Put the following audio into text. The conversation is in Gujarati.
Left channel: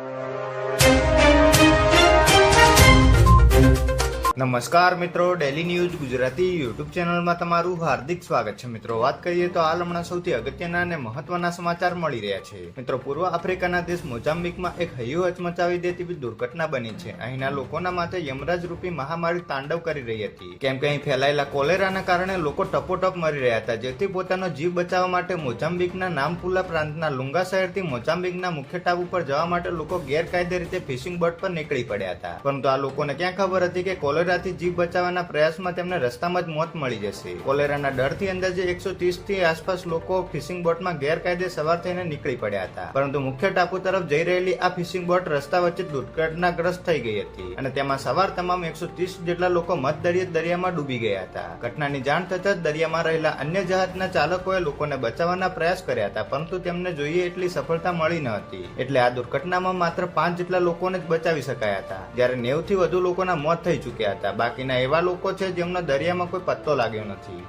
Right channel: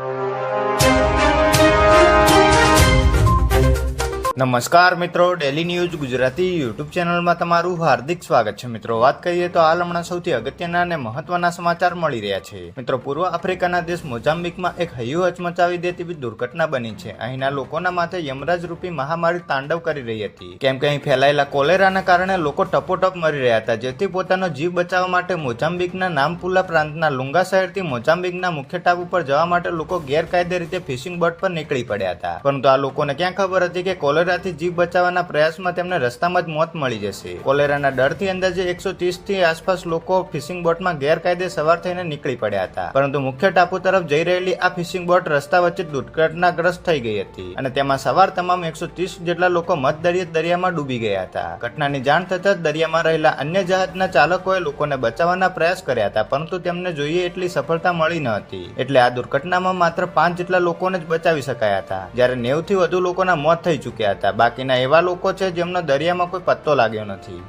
you. નમસ્કાર મિત્રો ડેલી ન્યૂઝ ગુજરાતી યુટ્યુબ ચેનલમાં તમારું હાર્દિક સ્વાગત છે. મિત્રો, વાત કરીએ તો હાલ હમણાં સૌથી અગત્યના અને મહત્વના સમાચાર મળી રહ્યા છે. મિત્રો, પૂર્વ આફ્રિકાના દેશ મોઝામ્બિકમાં એક હૈયું હચમચાવી દેતી દુર્ઘટના બની છે. અહીંના લોકોના માથે યમરાજ રૂપી મહામારી તાંડવ કરી રહી હતી. કેમ કે અહીં ફેલાયેલા કોલેરાના કારણે લોકો ટપોટપ મરી રહ્યા હતા, જેથી પોતાનો જીવ બચાવવા માટે મોઝામ્બિકના નામપુલા પ્રાંતના લુંગા શહેરથી મોઝામ્બિકના મુખ્ય ટાપુ પર જવા માટે લોકો ગેરકાયદે રીતે ફિશિંગ બોટ પર નીકળી પડ્યા હતા. પરંતુ આ લોકોને ક્યાં ખબર હતી કે કોલેરાથી જીવ બચાવવાના પ્રયાસમાં તેમને રસ્તામાં જ મોત મળી જશે. કોલેરાના ડરથી અંદાજે એકસો થી આસપાસ લોકો ફિશિંગ બોટમાં ગેરકાયદે સવાર થઈને નીકળી પડ્યા હતા. પરંતુ મુખ્ય ટાપુ તરફ જઈ રહેલી આ ફિશિંગ બોટ રસ્તા વચ્ચે દુર્ઘટનાગ્રસ્ત થઈ ગઈ હતી અને તેમાં સવાર તમામ એકસો જેટલા લોકો મધદરિયે દરિયામાં ડૂબી ગયા હતા. ઘટનાની જાણ થતાં દરિયામાં રહેલા અન્ય જહાજના ચાલકોએ લોકોને બચાવવાના પ્રયાસ કર્યા હતા, પરંતુ તેમને જોઈએ એટલી સફળતા મળી ન હતી. એટલે આ દુર્ઘટનામાં માત્ર પાંચ જેટલા લોકોને જ બચાવી શકાયા હતા. જ્યારે નેવથી વધુ લોકોના મોત થઈ ચૂક્યા હતા. બાકીના એવા લોકો છે જેમનો દરિયામાં કોઈ પત્તો લાગ્યો નથી.